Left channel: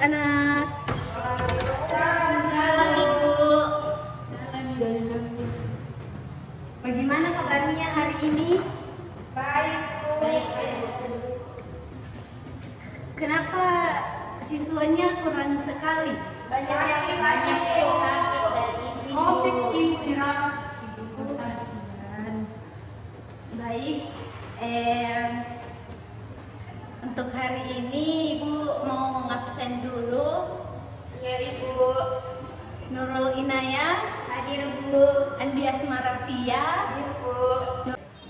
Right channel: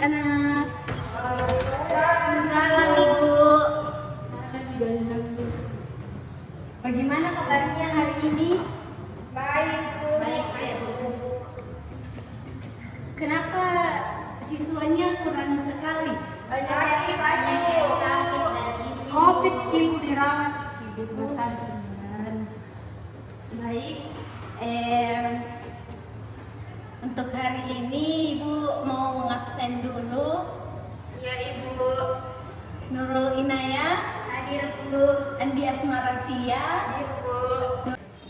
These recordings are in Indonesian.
anak-anak. Salam Ibu. Bagaimana kabarnya hari ini? Baik Bu. Baik Bu. Kenapa siswanya kurang sekali? Banyak yang sakit dan isi. Covid Ibu dirawat. Ibu kasihan. Baik. Untuk hari ini Ibu mau ngabsen dulu. Iya Ibu. Nurul Inayah, Hadir Bu. Andi Asmarafia, Hadir Bu.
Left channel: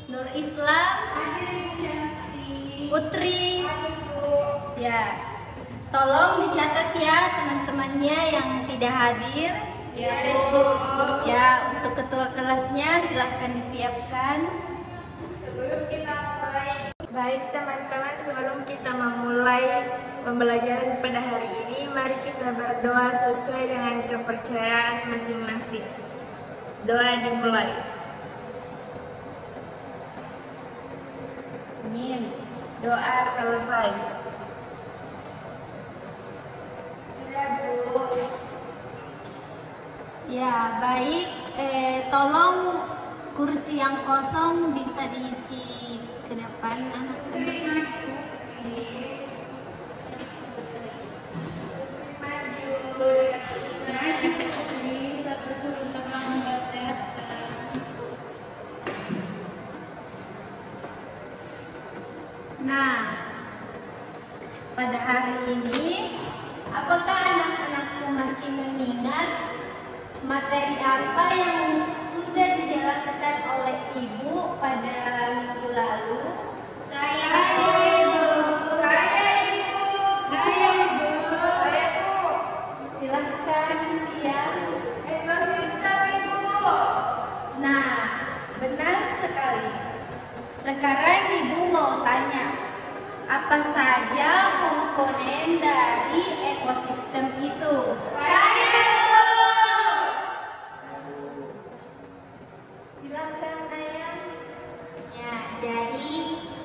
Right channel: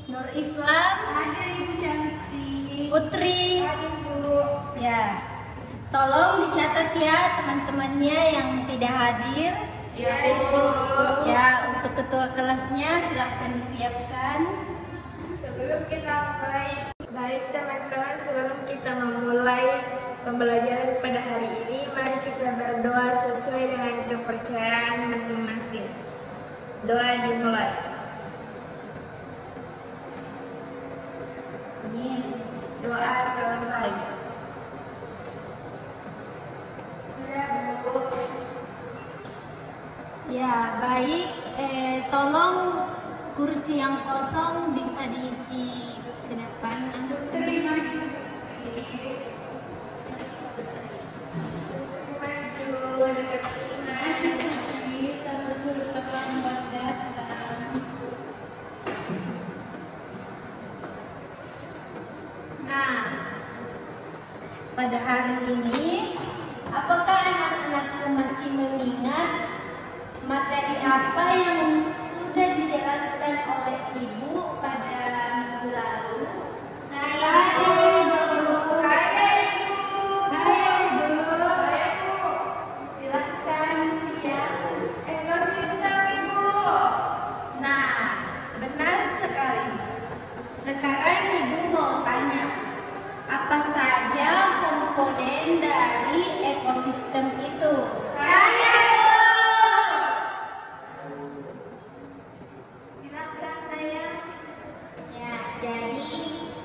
Nur Islam, Hadir Ibu cantik. Putri. Hadir Bu. Ya, tolong dicatat ya teman-temannya yang tidak hadir. Iya Ibu. Ya, untuk ketua kelasnya silahkan disiapkan. Sebelum kita mulai. Baik teman-teman, sebelum kita memulai pembelajaran pada hari ini, mari kita berdoa sesuai dengan kepercayaan masing-masing. Doa dimulai. Amin. Doa selesai. Sudah Bu. Ya, baik. Tolong kursi yang kosong bisa diisi ke depan. Nah, pada hari ini, apakah anak-anakku masih mengingat materi apa yang sudah dijelaskan oleh Ibu pada minggu lalu? Saya Ibu. Silahkan ya. Ekosistem Ibu. Nah, benar sekali. Sekarang Ibu mau tanya, apa saja komponen dari ekosistem itu? Silahkan Ayah. Ya, jadi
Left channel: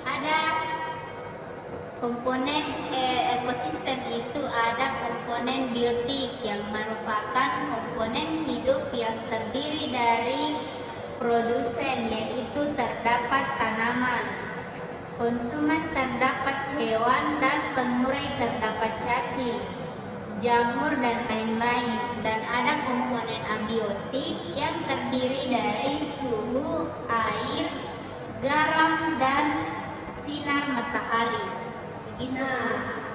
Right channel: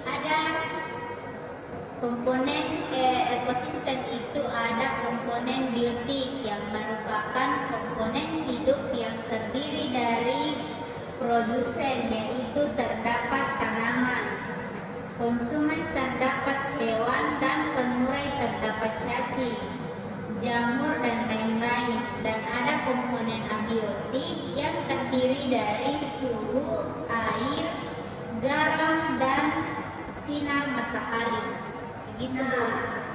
ada komponen ekosistem itu ada komponen biotik yang merupakan komponen hidup yang terdiri dari produsen, yaitu terdapat tanaman, konsumen terdapat hewan, dan pengurai terdapat cacing, jamur, dan lain-lain. Dan ada komponen abiotik yang terdiri dari suhu, air, garam, dan sinar matahari. Begitu.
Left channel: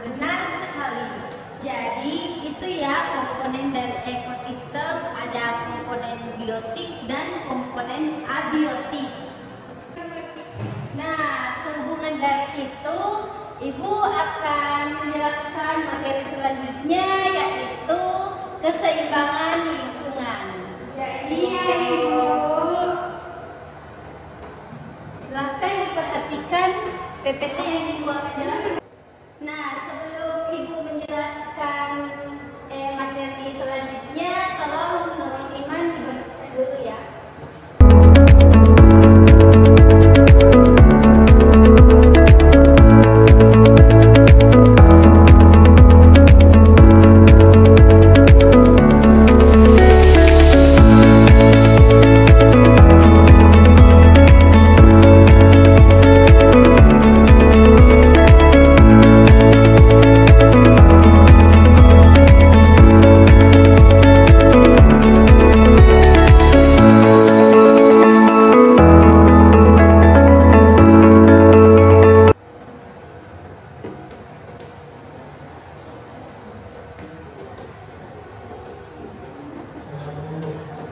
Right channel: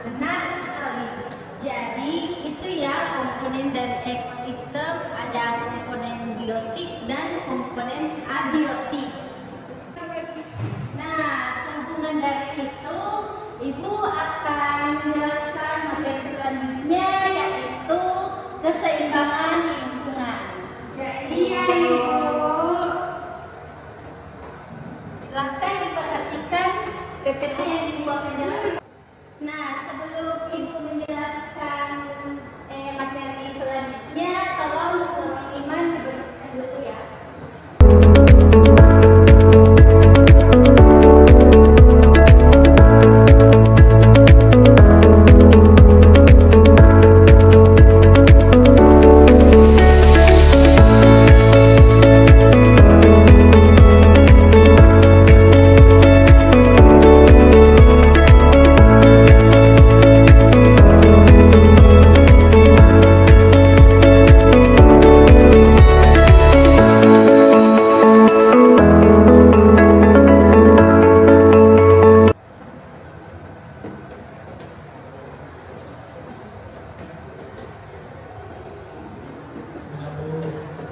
Benar sekali. Jadi itu ya komponen dari ekosistem, ada komponen biotik dan komponen abiotik. Nah, sehubungan dari itu, Ibu akan menjelaskan materi selanjutnya, yaitu keseimbangan lingkungan. Iya Ibu. Silahkan diperhatikan PPT yang Ibu akan jelaskan. Nah, sebelum Ibu menjelaskan materi selanjutnya, tolong Nurul Iman dibersihkan dulu ya.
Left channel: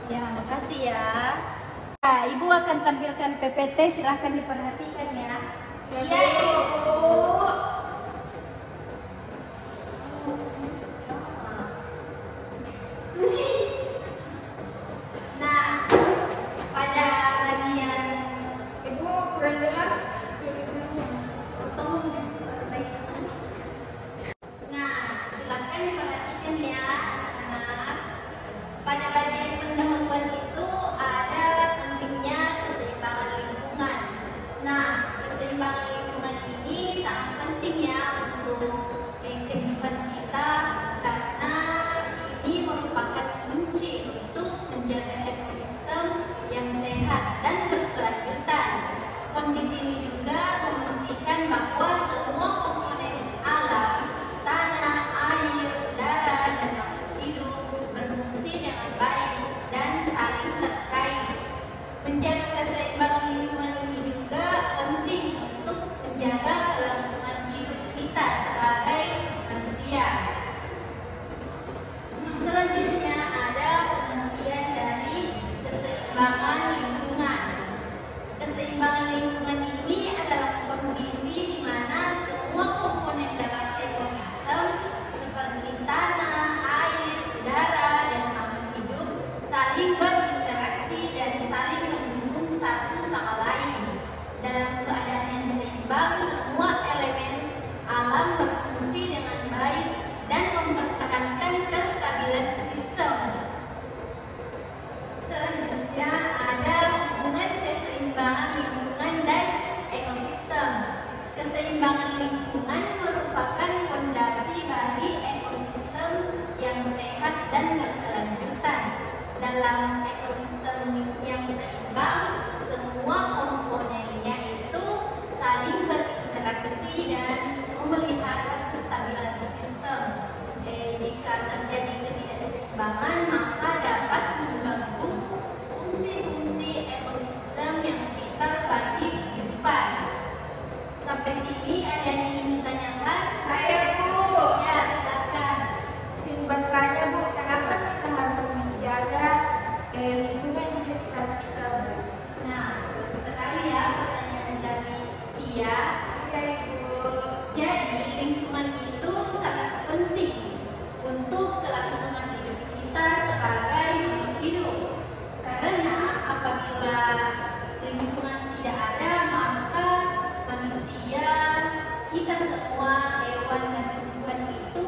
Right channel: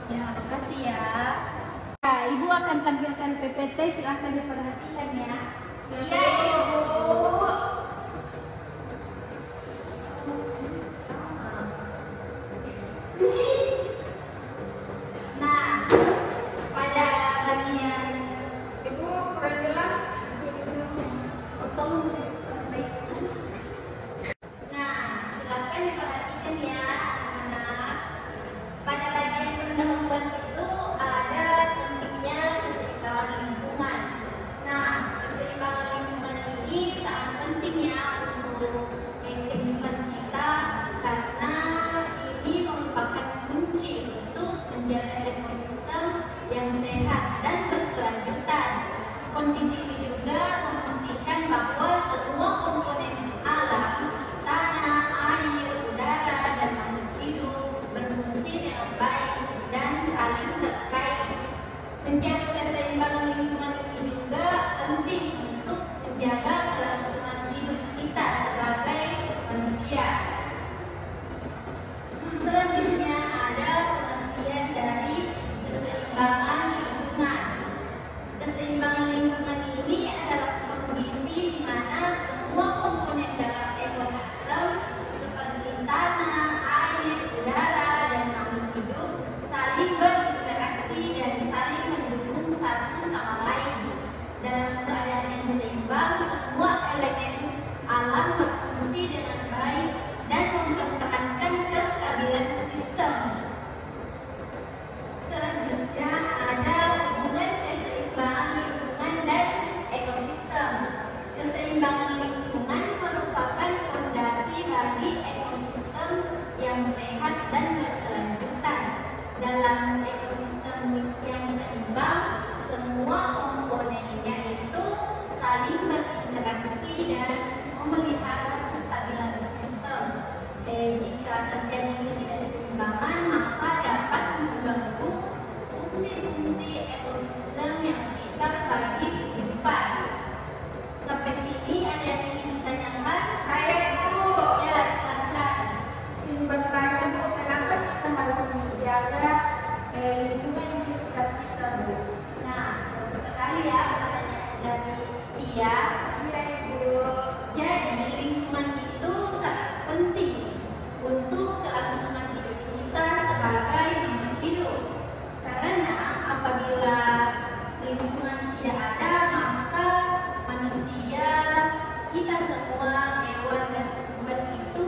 Ya, makasih ya. Nah, Ibu akan tampilkan PPT, silahkan diperhatikan ya. Iya Ibu. Nah, pada bagian Ibu kurang jelas. potong perbaikan. Nah, silahkan diperhatikan ya, anak. Pada bagian pendahuluan itu ada pentingnya keseimbangan lingkungan. Nah, keseimbangan lingkungan ini sangat penting ya untuk kehidupan kita kelangsungan hidup kita sebagai manusia. Selanjutnya ada pengertian dari keseimbangan lingkungan. Keseimbangan lingkungan ini adalah kondisi di mana semua komponen dalam ekosistem seperti tanah, air, udara, dan makhluk hidup saling berinteraksi dan saling mendukung satu sama lain. Dalam keadaan yang seimbang, semua elemen alam berfungsi dengan baik dan mempertahankan kestabilan sistem. Selanjutnya ada hubungan keseimbangan lingkungan dan ekosistem. Keseimbangan lingkungan merupakan fondasi bagi ekosistem yang sehat dan berkelanjutan. Dalam ekosistem yang seimbang, semua komponennya itu saling berinteraksi dan memelihara kestabilan sistem. Jika terjadi ketidakseimbangan, maka dapat mengganggu fungsi-fungsi ekosistem yang vital bagi kehidupan. Sampai sini ada yang ingin ditanyakan? Saya Bu. Ya, silakan. Izin bertanya Bu, kenapa kita harus menjaga lingkungan di sekitar kita Bu? Nah, bagus sekali ya pertanyaan dari Pia. Iya Bu. Jadi lingkungan itu sangat penting untuk kelangsungan hidup kita sebagai makhluk hidup. Karena apabila lingkungan tidak ada, maka manusia, kita semua, hewan dan tumbuhan itu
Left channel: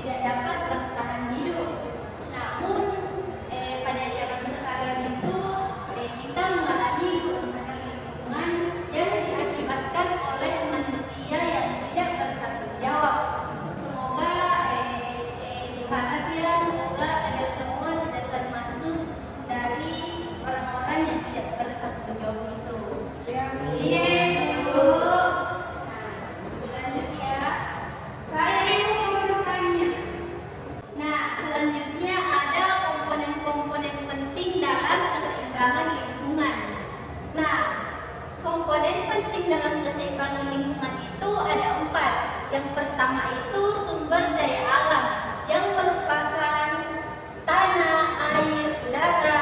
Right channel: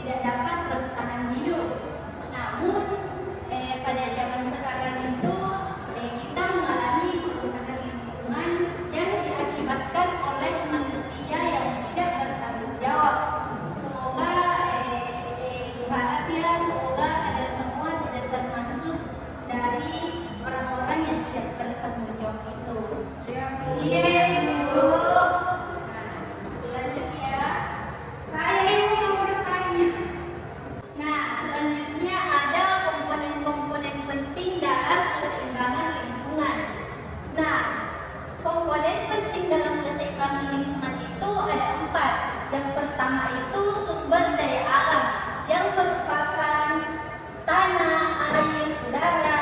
tidak dapat bertahan hidup. Namun pada zaman sekarang itu kita mengalami kerusakan lingkungan yang diakibatkan oleh manusia yang tidak bertanggung jawab. Semoga berharap ya, semoga kalian semua tidak termasuk dari orang-orang yang tidak bertanggung jawab itu. Iya Bu. Lanjut ya. Saya mau bertanya. Nah, selanjutnya ada komponen-komponen penting dalam keseimbangan lingkungan. Nah, komponen penting dalam keseimbangan lingkungan itu ada 4. Yang pertama itu sumber daya alam yang merupakan tanah, air, udara,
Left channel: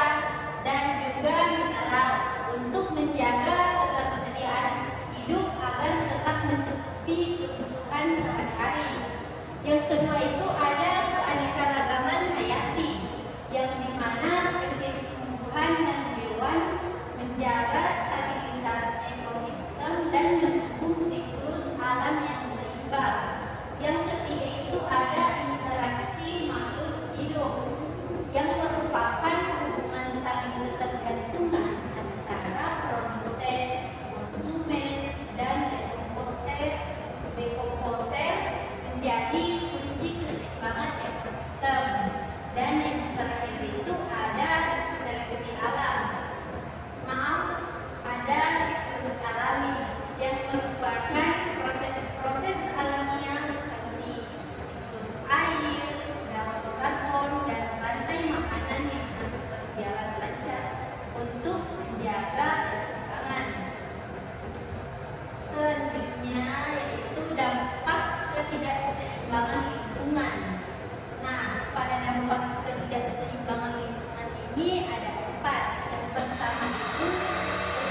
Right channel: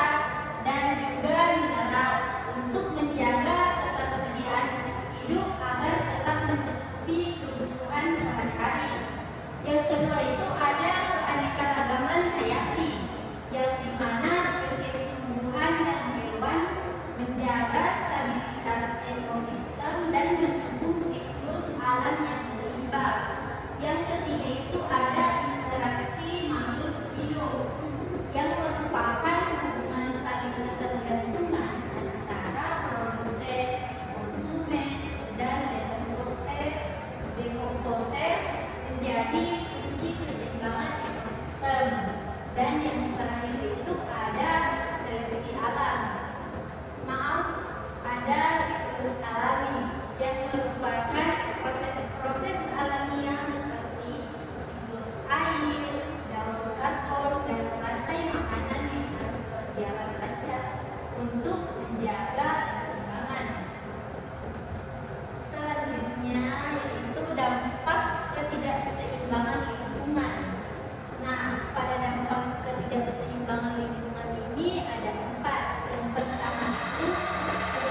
dan juga mineral untuk menjaga ketersediaan hidup agar tetap mencukupi kebutuhan sehari-hari. Yang kedua itu ada keanekaragaman hayati, yang dimana spesies tumbuhan dan hewan menjaga stabilitas ekosistem dan mendukung siklus alam yang seimbang. Yang ketiga itu ada interaksi makhluk hidup, yang merupakan hubungan saling ketergantungan antara produsen, konsumen, dan dekomposer menjadi kunci keseimbangan ekosistem. Dan yang terakhir itu ada seleksi alam. Maaf, ada siklus alami yang merupakan proses-proses alamiah seperti siklus air, daun karbon, dan rantai makanan yang harus berjalan lancar untuk menjaga keseimbangan. Selanjutnya yaitu dampak ketidakseimbangan lingkungan. Nah, pada dampak ketidakseimbangan lingkungan ini ada 4. Yang pertama itu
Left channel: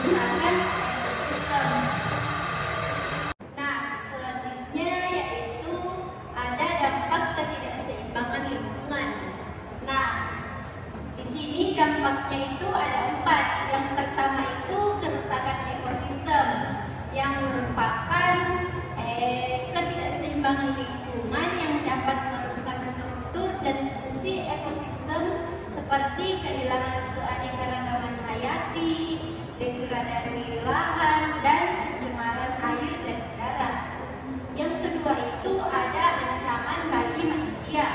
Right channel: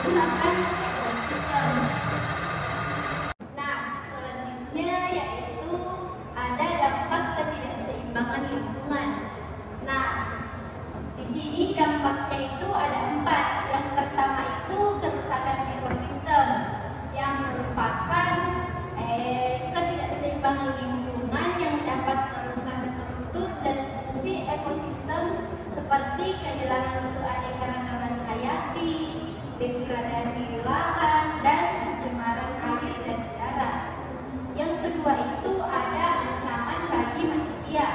kerusakan ekosistem. Nah, selanjutnya yaitu ada dampak ketidakseimbangan lingkungan. Nah, di sini dampaknya itu ada 4. Yang pertama itu kerusakan ekosistem, yang merupakan ketidakseimbangan lingkungan yang dapat merusak struktur dan fungsi ekosistem seperti kehilangan keanekaragaman hayati, degradasi lahan, dan pencemaran air dan udara. Yang kedua itu ada ancaman bagi manusia.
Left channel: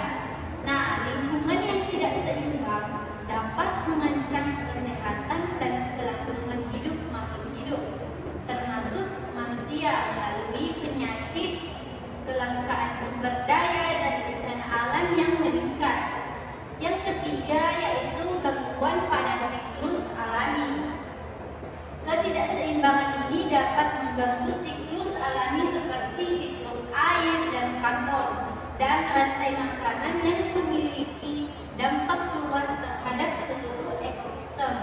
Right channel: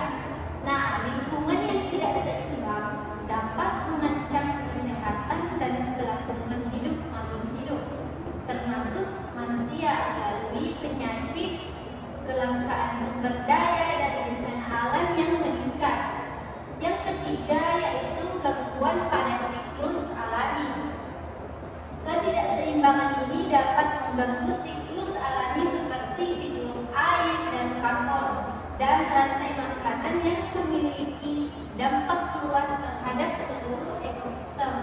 Nah, lingkungan yang tidak seimbang dapat mengancam kesehatan dan kelangsungan hidup makhluk hidup, termasuk manusia, melalui penyakit, kelangkaan sumber daya, dan bencana alam yang meningkat. Yang ketiga yaitu gangguan pada siklus alami. Ketidakseimbangan ini dapat mengganggu siklus alami rantai makanan yang memiliki dampak luas terhadap seluruh ekosistem.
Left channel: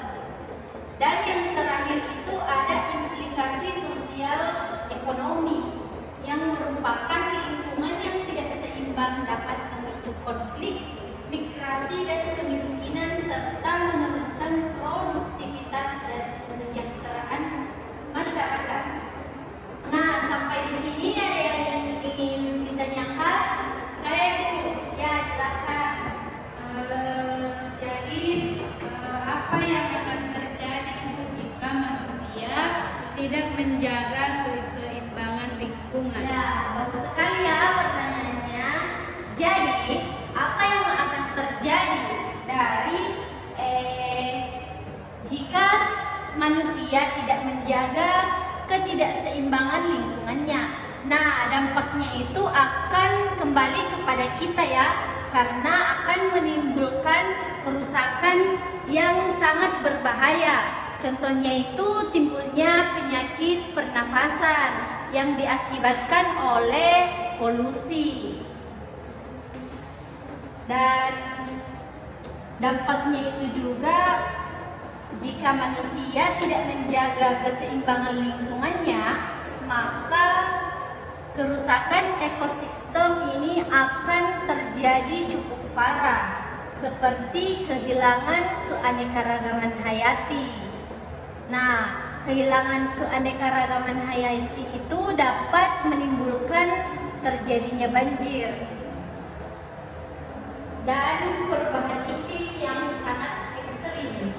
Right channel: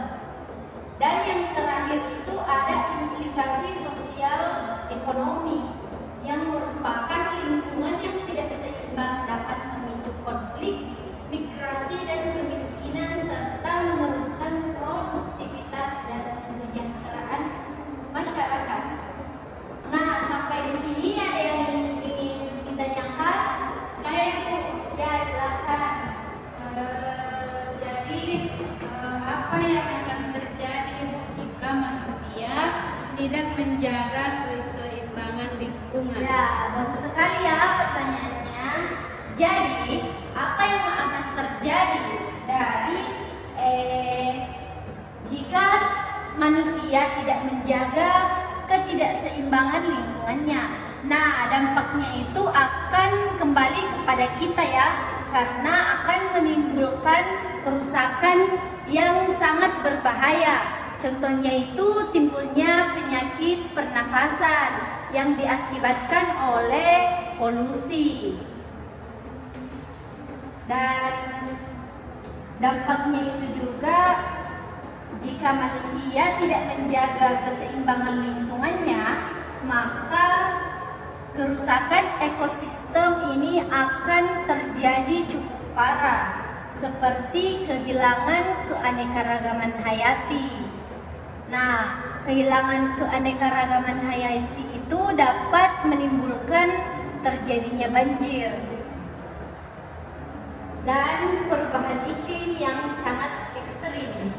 Dan yang terakhir itu ada implikasi sosial ekonomi yang merupakan lingkungan yang tidak seimbang dapat memicu konflik, migrasi dan kemiskinan serta menurunkan produktivitas dan kesejahteraan masyarakat. Nah, sampai di sini ada yang ingin ditanyakan? Saya Bu, ya silakan. Jadi apa yang akan terjadi jika manusia tidak menjaga keseimbangan lingkungan? Ya, bagus sekali ya pertanyaannya. Jadi, apa yang akan terjadi dari jika manusia tidak menjaga ketidakseimbangan lingkungannya? Nah, dampaknya itu akan kembali kepada kita ya, karena akan menimbulkan kerusakan yang sangat berbahaya. Contohnya itu timbulnya penyakit pernafasan yang diakibatkan oleh polusi. Dan dampaknya itu juga jika manusia tidak menjaga keseimbangan lingkungannya, maka kerusakan ekosistem ini akan terjadi cukup parah, seperti kehilangan keanekaragaman hayati. Nah, kehilangan keanekaragaman hayati itu dapat menimbulkan terjadinya banjir dan perubahan iklim yang sangat ekstrim,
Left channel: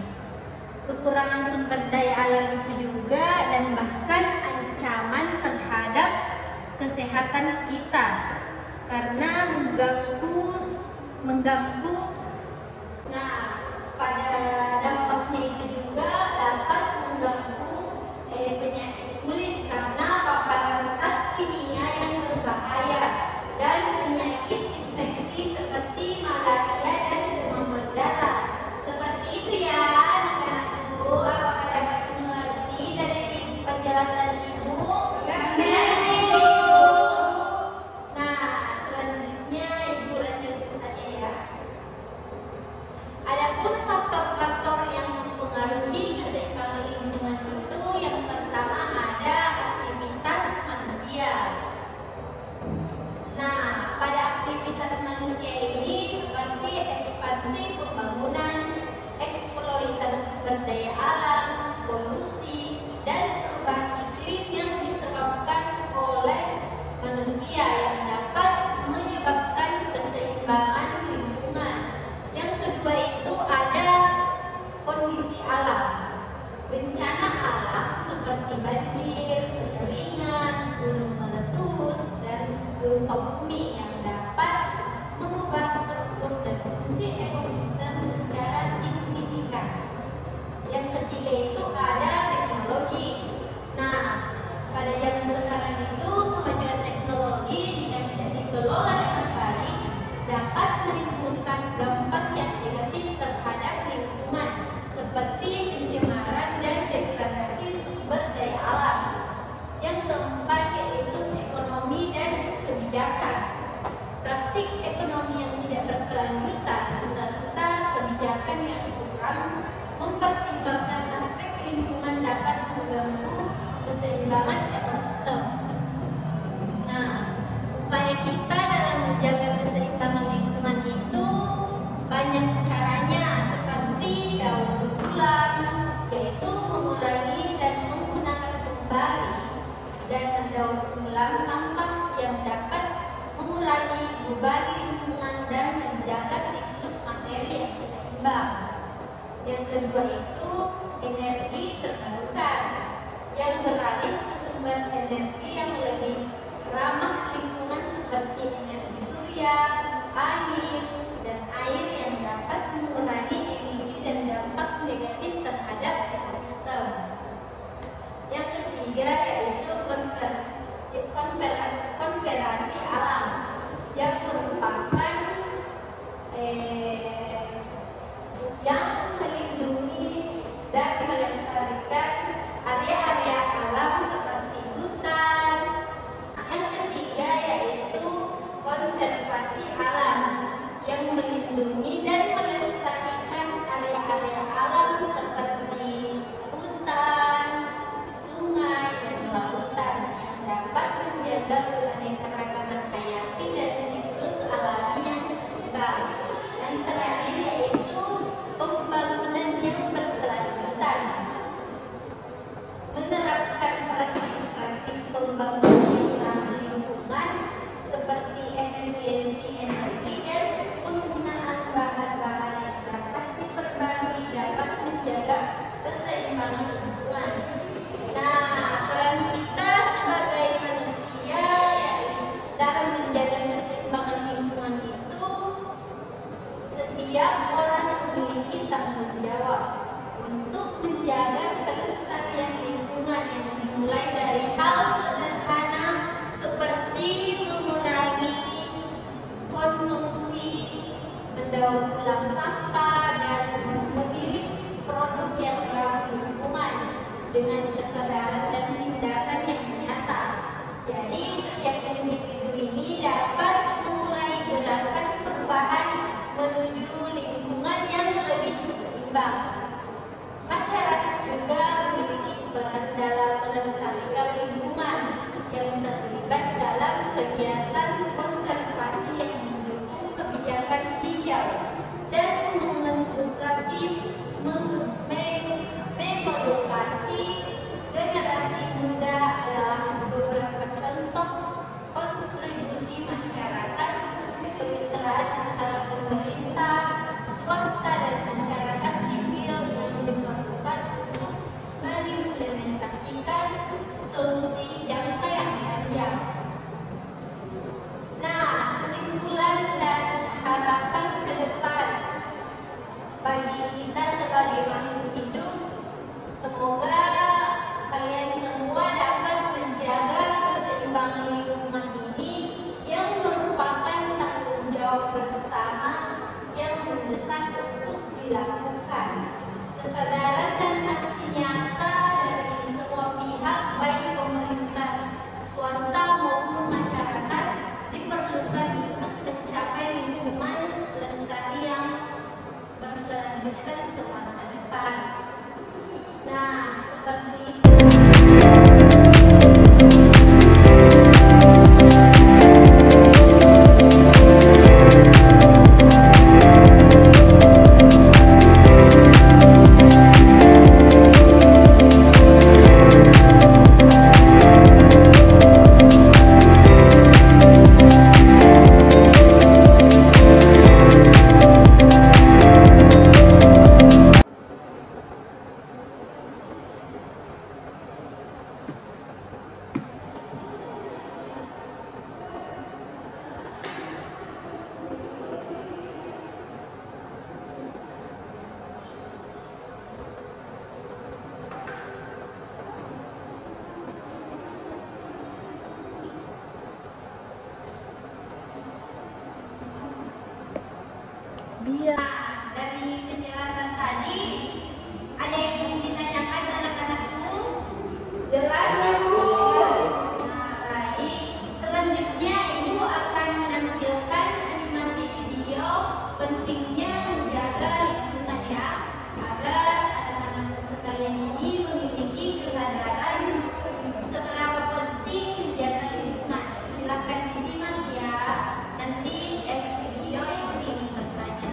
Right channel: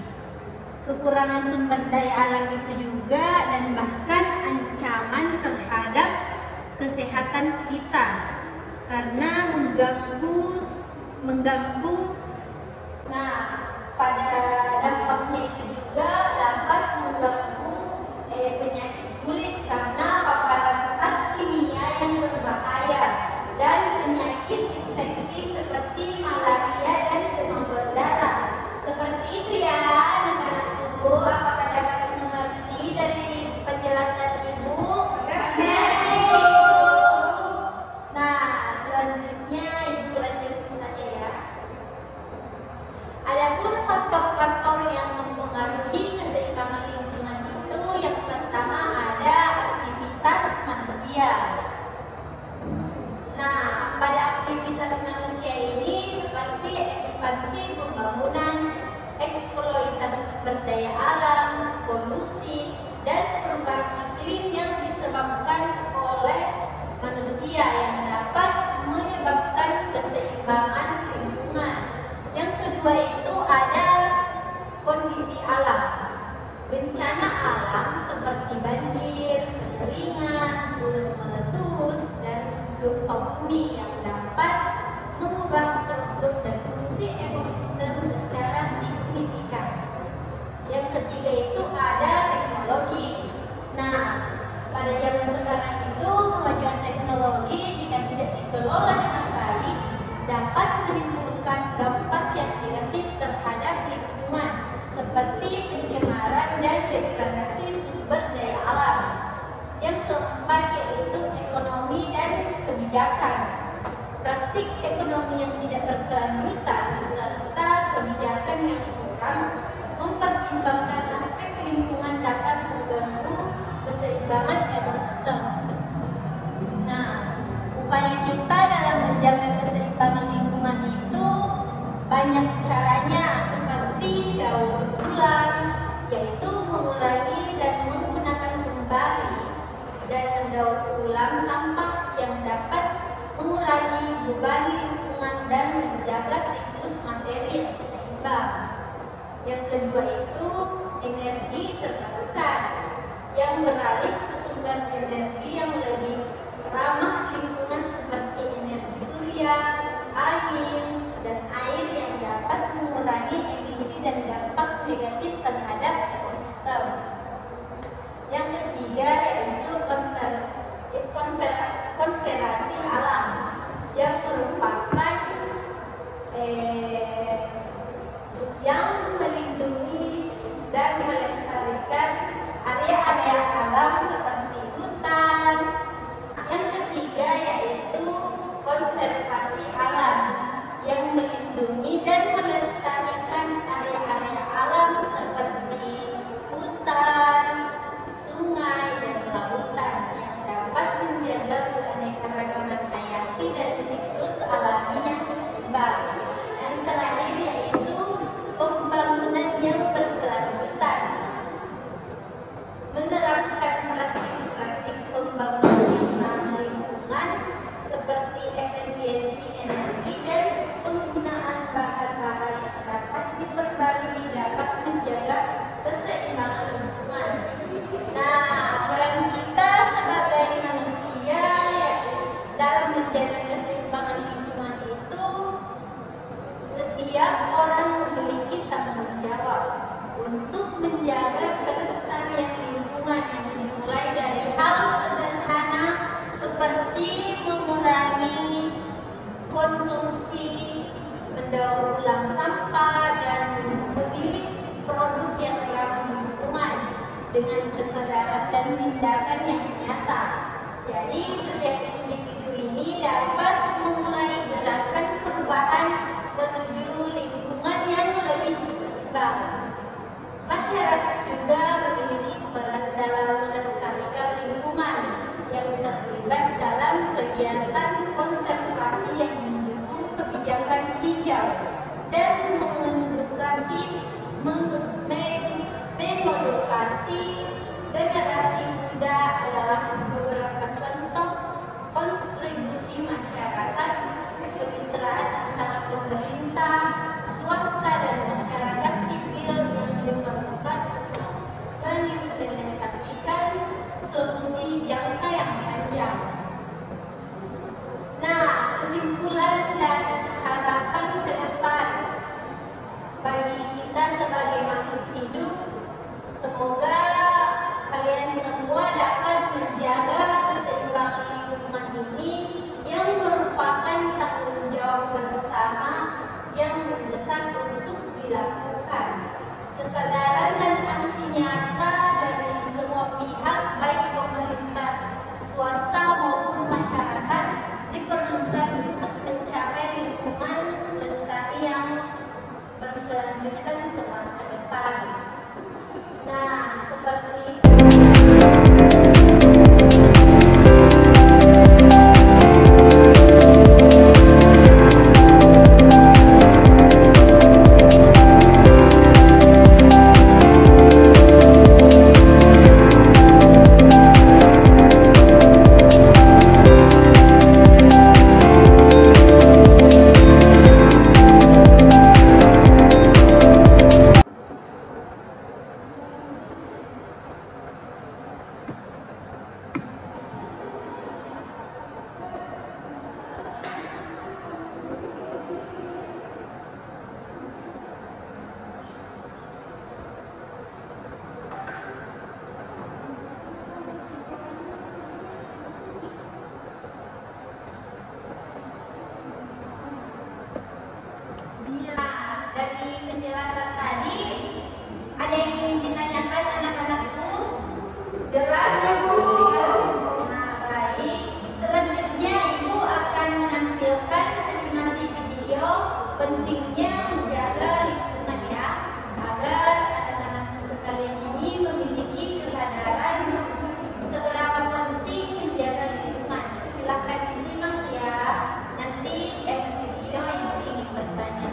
kekurangan sumber daya alam itu juga, dan bahkan ancaman terhadap kesehatan kita karena mengganggu. Nah, pada dampaknya itu juga dapat mengganggu penyakit kulit karena paparan zat kimia yang berbahaya dan penyakit infeksi seperti malaria dan demam berdarah. Seperti itu ya anak-anakku. Apakah dapat mengerti dari penjelasan Ibu? Nah, selanjutnya Ibu lanjutkan saja ya. Adapun faktor-faktor yang mempengaruhi keseimbangan lingkungan itu, yang pertama ada aktivitas manusia. Nah, pada aktivitas manusia ini seperti ekspansi pembangunan, eksploitasi sumber daya alam, polusi, dan perubahan iklim yang disebabkan oleh manusia yang dapat menyebabkan keseimbangan lingkungan. Yang kedua itu ada kondisi alam, bencana alam seperti banjir, kekeringan, gunung meletus, dan gempa bumi yang dapat mengubah struktur dan fungsi ekosistem secara signifikan. Yang ketiga itu ada teknologi. Nah, pada zaman sekarang itu kemajuan teknologi jika tidak dikelola dengan baik dapat menimbulkan dampak yang negatif terhadap lingkungan seperti pencemaran dan degradasi sumber daya alam. Yang keempat yaitu ekonomi dan kebijakan. Praktik ekonomi yang tidak berkelanjutan serta kebijakan yang kurang mempertimbangkan aspek lingkungan dapat mengganggu keseimbangan ekosistem. Nah, upaya kita dalam menjaga keseimbangan lingkungan itu banyak caranya, seperti daur ulang, yaitu mengurangi dan menggunakan kembali dan mendaur ulang sampah yang dapat mengurangi beban lingkungan dan menjaga siklus materi yang seimbang. Yang kedua itu energi terbarukan yang beralih ke sumber energi yang lebih ramah lingkungan seperti energi surya, angin, dan air yang dapat mengurangi emisi dan dampak negatif terhadap ekosistem. Yang ketiga yaitu konservasi alam yang merupakan yang melindungi dan melestarikan area-area alam seperti hutan. Yang ketiga yaitu konservasi alam memilah sampah dan memilih produk yang ramah lingkungan dengan kesadaran dan tindakan yang nyata. Jadi setiap individu ini dapat mulai melakukan perubahan menuju lingkungan yang lebih seimbang. Masyarakat juga memiliki peran dalam melestarikan lingkungan yang terlibat dalam kegiatan konservasi yang mendukung kebijakan hijau dan mengedukasi generasi muda adalah beberapa contoh kontribusi masyarakat kemitraan antara pemerintah, swasta dan masyarakat sipil yang diperlukan untuk mengimplementasikan solusi jangka yang panjang. Nah, kesimpulan dan harapan ke depan bagi kita sebagai makhluk hidup, semoga kalian semua dapat menjaga keseimbangan lingkungan ini yang merupakan tanggung jawab bersama yang mendesak untuk dilakukan. Kesadaran dan aksi nyata dari semua pihak, baik pemerintah, swasta maupun masyarakat, diperlukan untuk mencapai lingkungan lestari yang berkelanjutan ke masa depan. Nah, seperti dari penjelasan tadi, ada yang ingin ditanyakan anak-anakku? Jelas, Bu? Nah, baik. Selanjutnya, Ibu akan menampilkan animasi video pentingnya menjaga lingkungan ya, agar anak-anak sekalian ini memiliki kesadaran seberapa penting menjaga lingkungan. Silakan disimak ya. Nanti video Ibu ingin bertanya.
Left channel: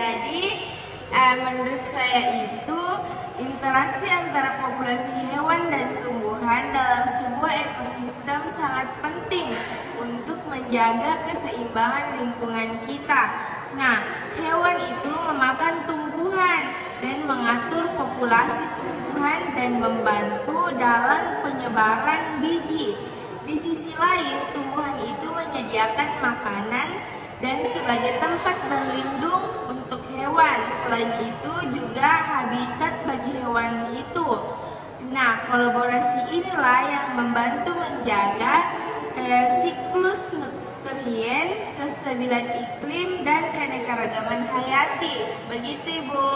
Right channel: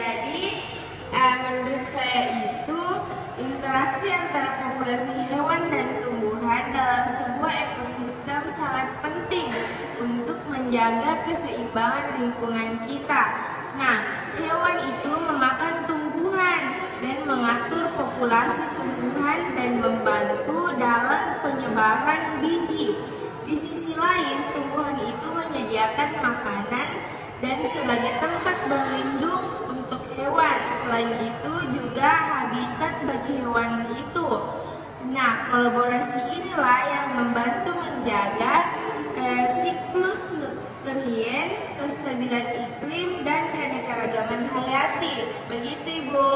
Jadi menurut saya itu interaksi antara populasi hewan dan tumbuhan dalam sebuah ekosistem sangat penting untuk menjaga keseimbangan lingkungan kita. Nah, hewan itu memakan tumbuhan dan mengatur populasi tumbuhan dan membantu dalam penyebaran biji. Di sisi lain, tumbuhan itu menyediakan makanan dan sebagai tempat berlindung untuk hewan. Selain itu juga habitat bagi hewan itu. Nah, kolaborasi inilah yang membantu menjaga siklus nutrien, kestabilan iklim, dan keanekaragaman hayati. Begitu, Ibu.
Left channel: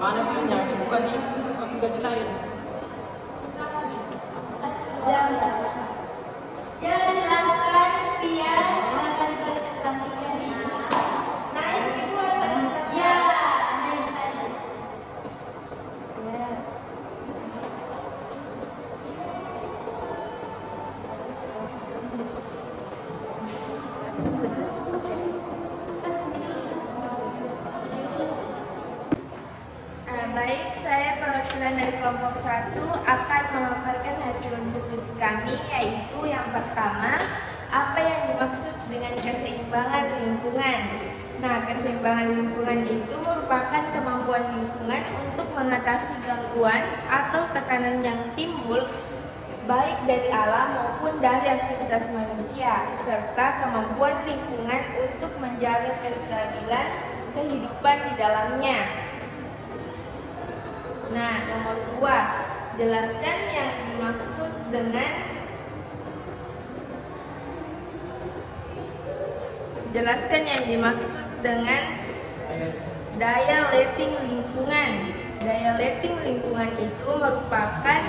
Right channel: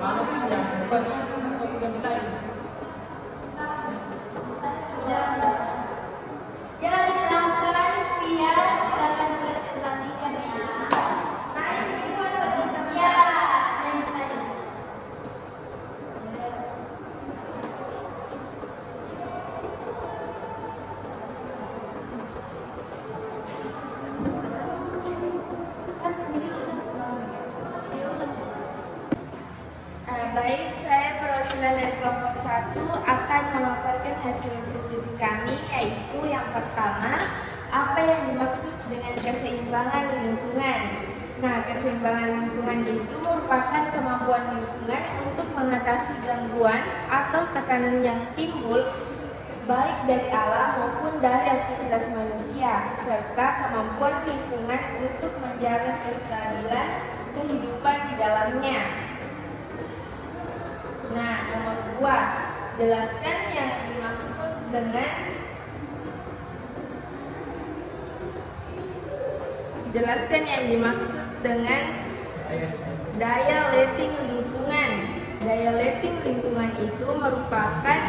Mana pun yang bukan ini, aku ganti lain. Ya, silakan Pia, silakan presentasikan ya. Naik ibu atau ya, naik saya. Baik, saya perwakilan dari kelompok 1 akan memaparkan hasil diskusi kami, yaitu yang pertama, apa yang dimaksud dengan keseimbangan lingkungan. Nah, keseimbangan lingkungan itu merupakan kemampuan lingkungan untuk mengatasi gangguan atau tekanan yang timbul baik dari alam maupun dari aktivitas manusia, serta kemampuan lingkungan untuk menjaga kestabilan kehidupan di dalamnya. Nah, nomor 2, jelaskan yang dimaksud dengan daya letting lingkungan. Daya letting lingkungan itu merupakan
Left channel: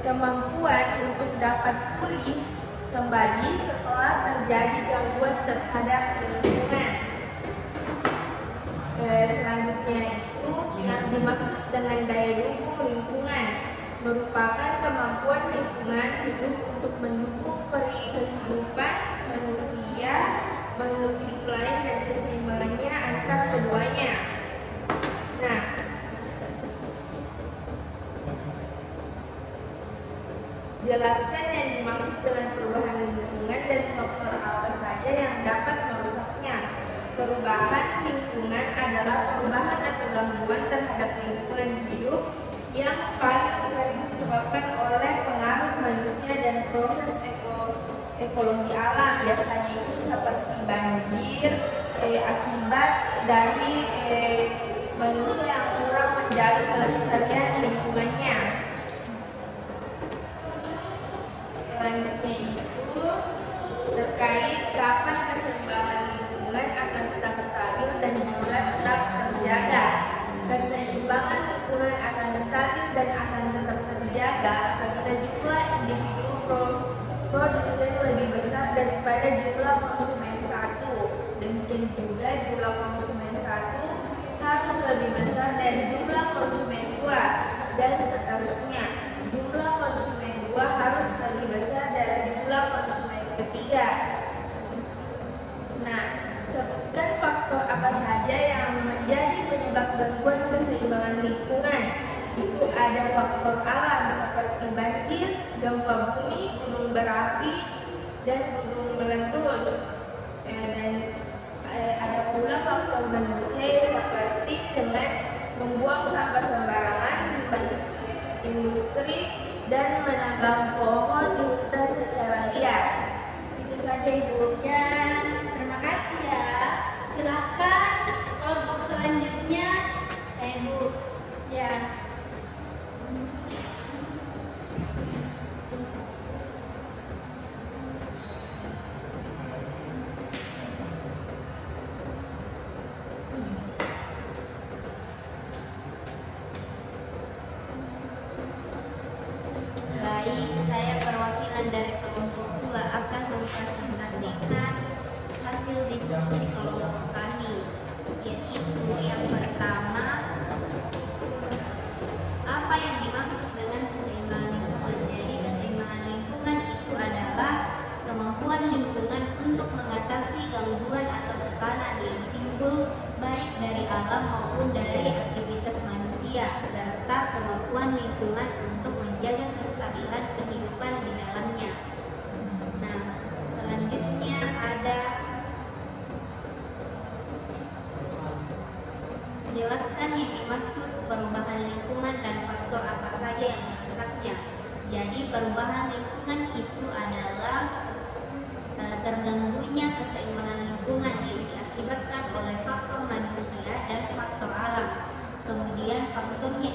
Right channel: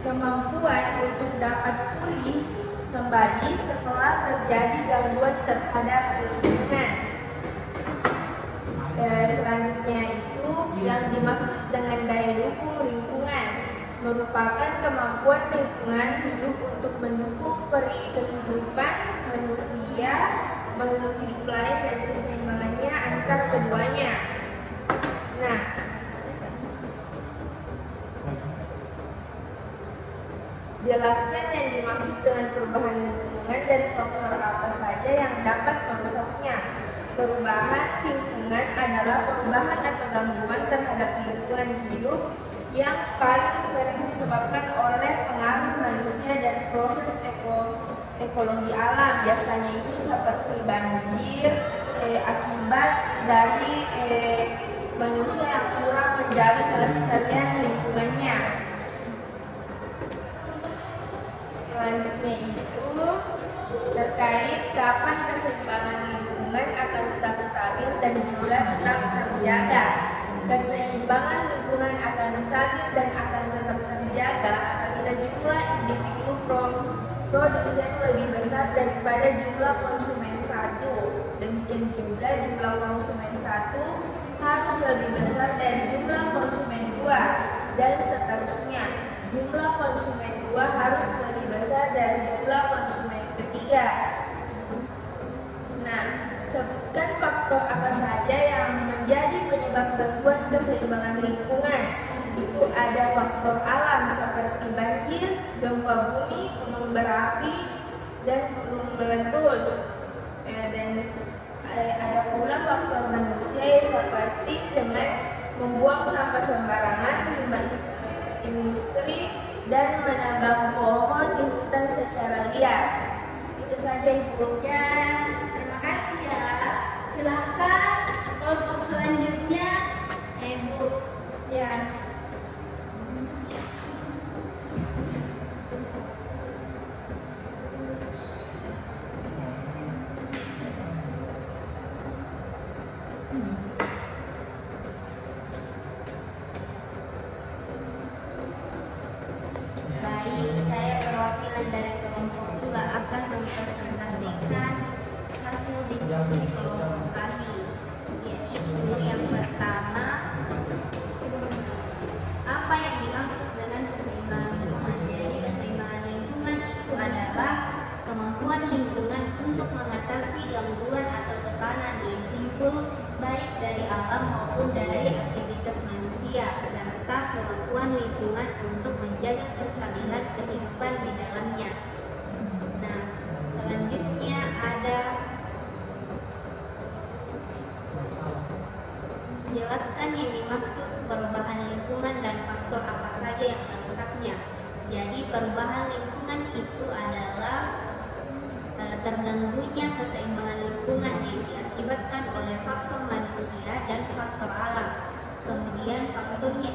kemampuan untuk dapat pulih kembali setelah terjadi gangguan terhadap lingkungan. Selanjutnya itu yang dimaksud dengan daya dukung lingkungan merupakan kemampuan lingkungan hidup untuk mendukung kehidupan manusia, makhluk hidup lain dan keseimbangannya antar keduanya. Nah, jelaskan yang dimaksud dengan perubahan lingkungan dan faktor apa saja yang dapat merusaknya. Perubahan lingkungan adalah perubahan atau gangguan terhadap lingkungan hidup yang paling sering disebabkan oleh pengaruh manusia dan proses ekologi alam. Biasanya itu seperti banjir, akibat dari manusia yang kurang menjaga kelestarian lingkungannya. Selanjutnya itu terkait kapan keseimbangan lingkungan akan tetap stabil dan juga tetap terjaga. Keseimbangan lingkungan akan stabil dan akan tetap terjaga apabila jumlah individu produsen lebih besar daripada jumlah konsumen satu. Demikian juga jumlah konsumen satu harus lebih besar dari jumlah konsumen dua, dan seterusnya. Jumlah konsumen dua harus lebih besar dari jumlah konsumen ketiga. Nah, sebutkan faktor apa saja yang menjadi penyebab gangguan keseimbangan lingkungan. Itu ada faktor alam seperti banjir, gempa bumi, gunung berapi, dan gunung meletus. Dan ada pula faktor manusia seperti dengan membuang sampah sembarangan, limbah industri, dan menambang pohon di hutan secara liar. Itu saja, Ibu. Ya, terima kasih ya. Silakan kelompok selanjutnya, Ibu. Ya. Baik, saya perwakilan dari kelompok 2 akan mempresentasikan hasil diskusi kelompok kami, yaitu yang pertama, apa yang dimaksud dengan keseimbangan lingkungan. Jadi keseimbangan lingkungan itu adalah kemampuan lingkungan untuk mengatasi gangguan atau tekanan yang timbul baik dari alam maupun dari aktivitas manusia, serta kemampuan lingkungan untuk menjaga kestabilan kehidupan di dalamnya. Nah, selanjutnya ada jelaskan yang dimaksud perubahan lingkungan dan faktor apa saja yang merusaknya. Jadi perubahan lingkungan itu adalah terganggunya keseimbangan lingkungan yang diakibatkan oleh faktor manusia dan faktor alam. Kemudian faktornya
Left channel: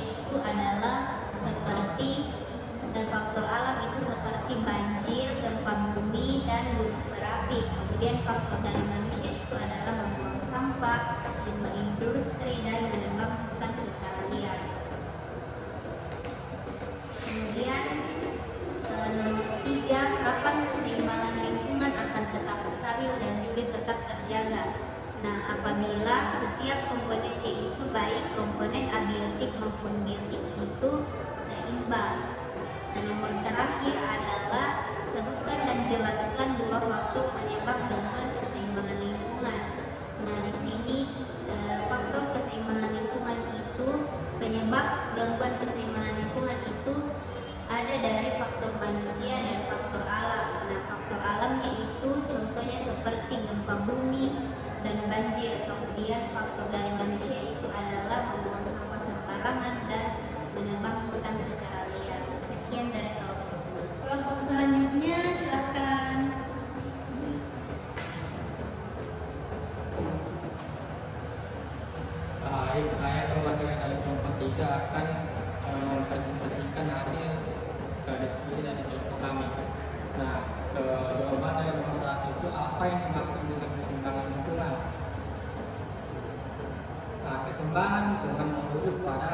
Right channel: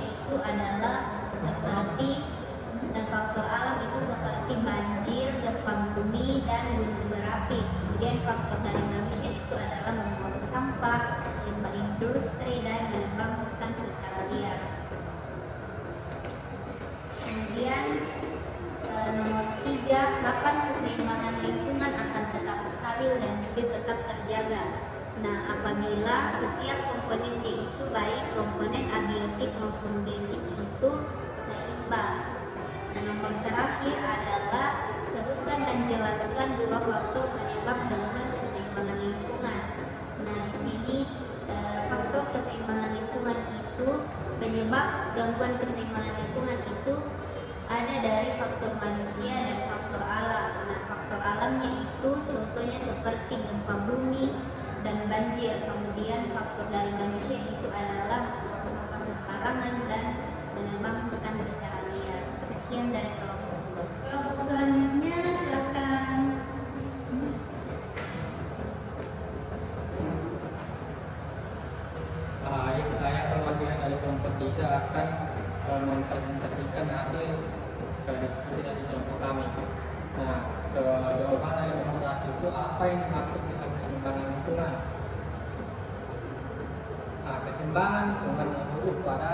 berindustri dan menebang hutan secara liar. Kemudian nomor 3, kapan keseimbangan lingkungan akan tetap stabil dan juga tetap terjaga. Nah, apabila setiap komponen yaitu baik komponen abiotik maupun biotik itu seimbang. Nah, nomor terakhir adalah sebutkan dan jelaskan 2 faktor penyebab gangguan keseimbangan lingkungan. Nah, di sini faktor keseimbangan lingkungan itu, penyebab gangguan keseimbangan lingkungan itu ada dari faktor manusia dan faktor alam. Nah, faktor alamnya itu contohnya seperti gempa bumi dan banjir. Kemudian faktor dari manusia itu adalah membuang sampah sembarangan dan menebang hutan secara liar. Sekian dari kelompok selanjutnya, silakan. Baik, saya perwakilan dari kelompok 3 akan mempresentasikan hasil diskusi dari kelompok kami. Nah, jawaban dari nomor 1 itu apa yang dimaksud dengan keseimbangan lingkungan? Nah, keseimbangan lingkungan merujuk pada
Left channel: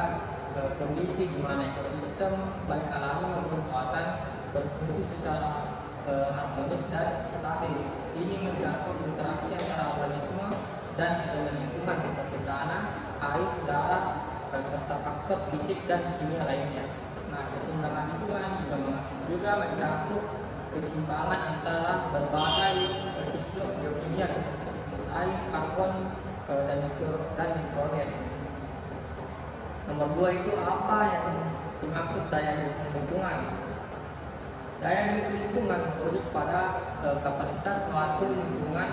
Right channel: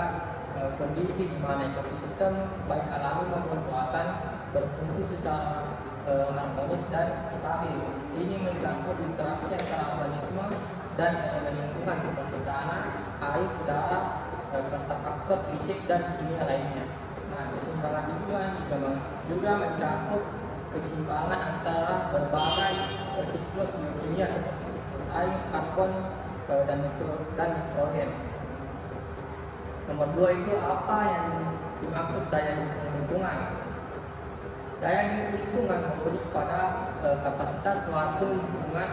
kondisi di mana ekosistem baik alami maupun buatan berfungsi secara harmonis dan stabil. Ini mencakup interaksi antara organisme dan elemen lingkungan seperti tanah, air, udara, serta faktor fisik dan kimia lainnya. Nah, keseimbangan lingkungan juga mencakup keseimbangan antara berbagai siklus biokimia seperti siklus air, karbon, dan nitrogen. Nomor 2 itu apa yang dimaksud daya dukung lingkungan? Daya dukung lingkungan merujuk pada kapasitas suatu lingkungan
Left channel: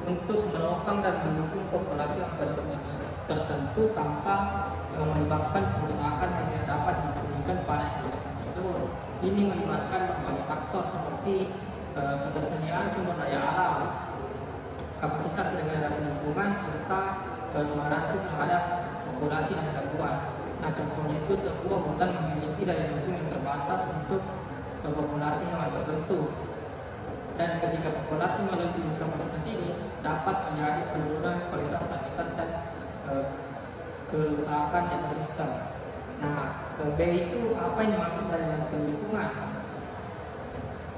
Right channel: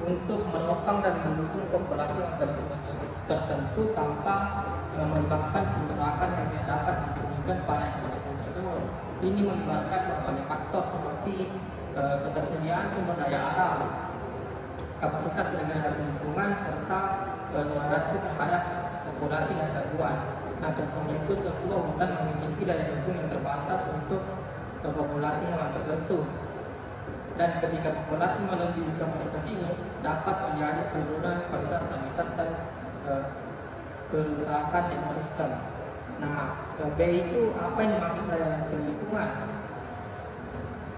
untuk menopang dan mendukung populasi organisme tertentu tanpa menyebabkan kerusakan yang tidak dapat dihubungkan pada ekosistem tersebut. Ini melibatkan berbagai faktor seperti ketersediaan sumber daya alam, kapasitas regenerasi lingkungan, serta toleransi terhadap populasi dan gangguan. Nah, contohnya itu sebuah hutan memiliki daya dukung yang terbatas untuk populasi hewan tertentu. Dan ketika populasi melebihi kapasitas ini, dapat terjadi penurunan kualitas habitat dan kerusakan ekosistem. Nah, B itu apa yang dimaksud daya dukung lingkungan?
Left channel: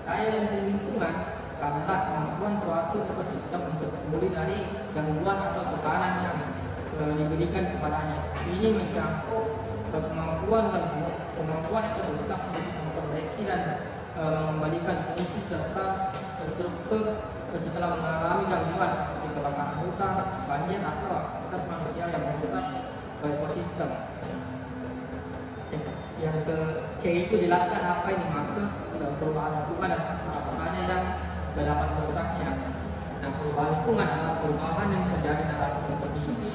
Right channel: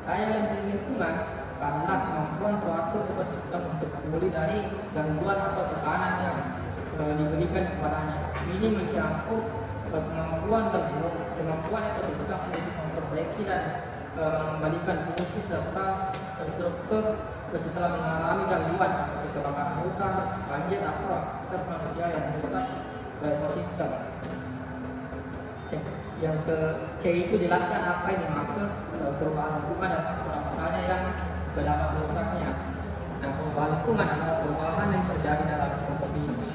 Daya dukung lingkungan adalah kemampuan suatu ekosistem untuk pulih dari gangguan atau tekanan yang diberikan kepadanya. Ini mencakup kemampuan ekosistem untuk memperbaiki dan mengembalikan fungsi serta struktur setelah mengalami gangguan seperti kebakaran hutan, banjir, atau aktivitas manusia yang merusak ekosistem. Yang ke C itu jelaskan apa yang dimaksud perubahan lingkungan dan apa saja yang dapat merusaknya. Nah, perubahan lingkungan adalah perubahan yang terjadi dalam komposisi,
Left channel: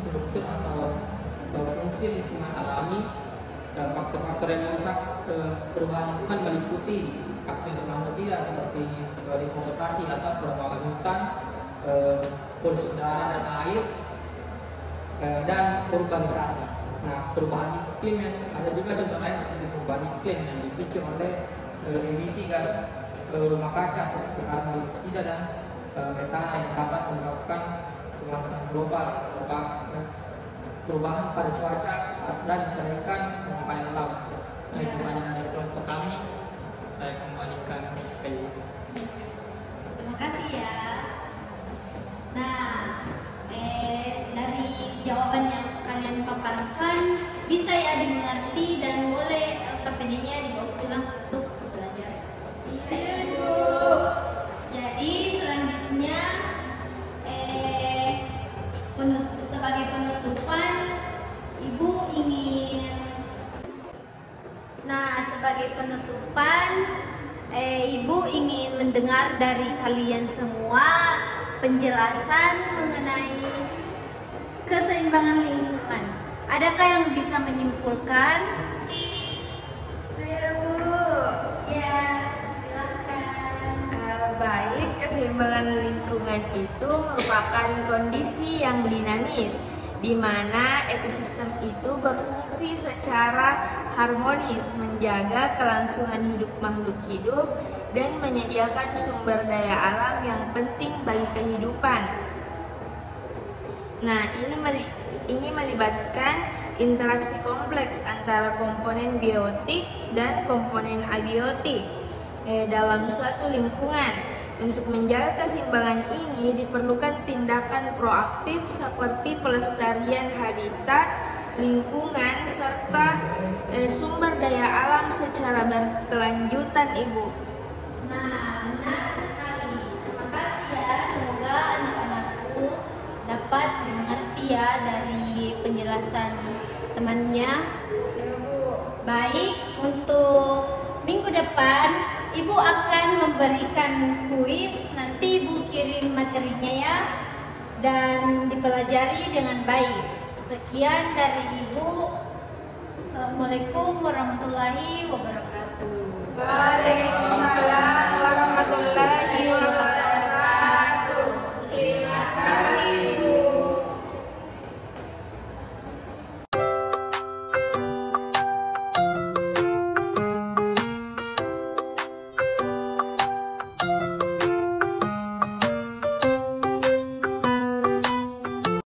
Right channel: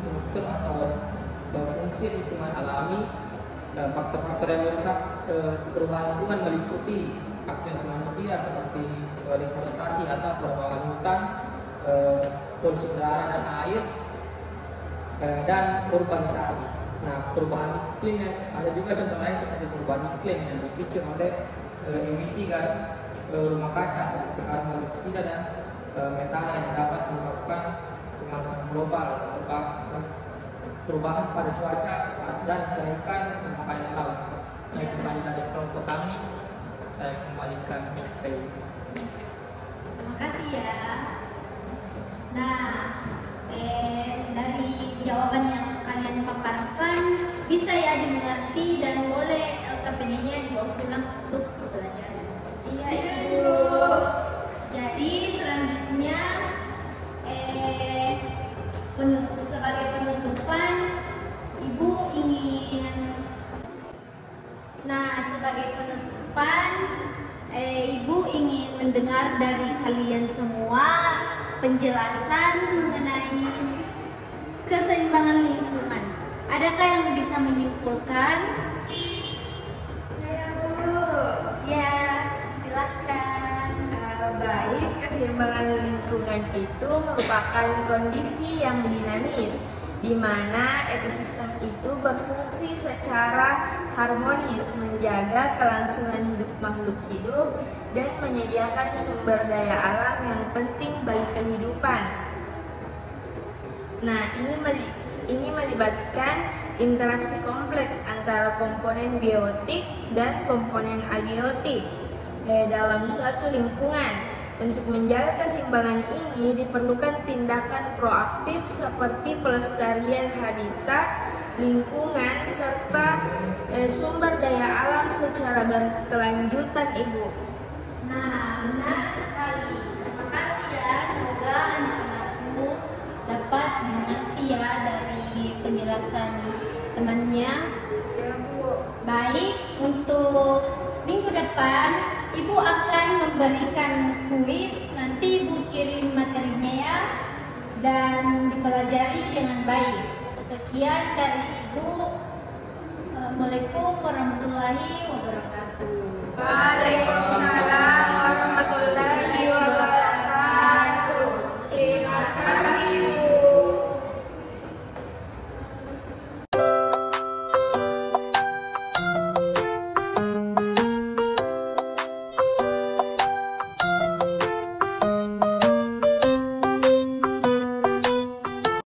struktur atau fungsi lingkungan alami. Faktor-faktor yang merusak perubahan lingkungan meliputi aktivitas manusia seperti deforestasi atau perubahan hutan, polusi udara dan air, dan urbanisasi. Nah, perubahan iklim ada juga contoh lain seperti perubahan iklim yang dipicu oleh emisi gas rumah kaca seperti karbon dioksida dan metana yang dapat menyebabkan pemanasan global, perubahan pada cuaca dan kenaikan permukaan laut. Nah, itu saja dari kelompok kami. Saya kembalikan ke Ibu. Terima kasih ya. Nah, dari jawaban yang kalian paparkan bisa ya dimengerti dan boleh KPD-nya dibawa pulang untuk belajar. Iya, Bu. Jadi selanjutnya sebagai penutupan Ibu ingin Ibu ingin mendengar dari kalian semua penjelasan mengenai keseimbangan lingkungan. Adakah yang bisa menyimpulkan? Saya, Bu. Ya, silakan. Baik, keseimbangan lingkungan itu merupakan kondisi yang dinamis di mana ekosistem itu berfungsi secara harmonis, menjaga kelangsungan hidup makhluk hidup dan menyediakan sumber daya alam yang penting bagi kehidupan. Nah, ini melibatkan interaksi kompleks antara komponen biotik dan komponen abiotik dalam suatu lingkungan. Untuk menjaga keseimbangan ini diperlukan tindakan proaktif seperti pelestarian habitat, lingkungan, serta sumber daya alam secara berkelanjutan, Ibu. Nah, benar sekali. Terima kasih ya. Semoga anak-anakku dapat dimengerti ya dari penjelasan temannya. Baik, untuk minggu depan Ibu akan memberikan kuis. Nanti Ibu kirim materinya ya, dan dipelajari dengan baik. Sekian dari Ibu. Assalamualaikum warahmatullahi wabarakatuh. Waalaikumsalam.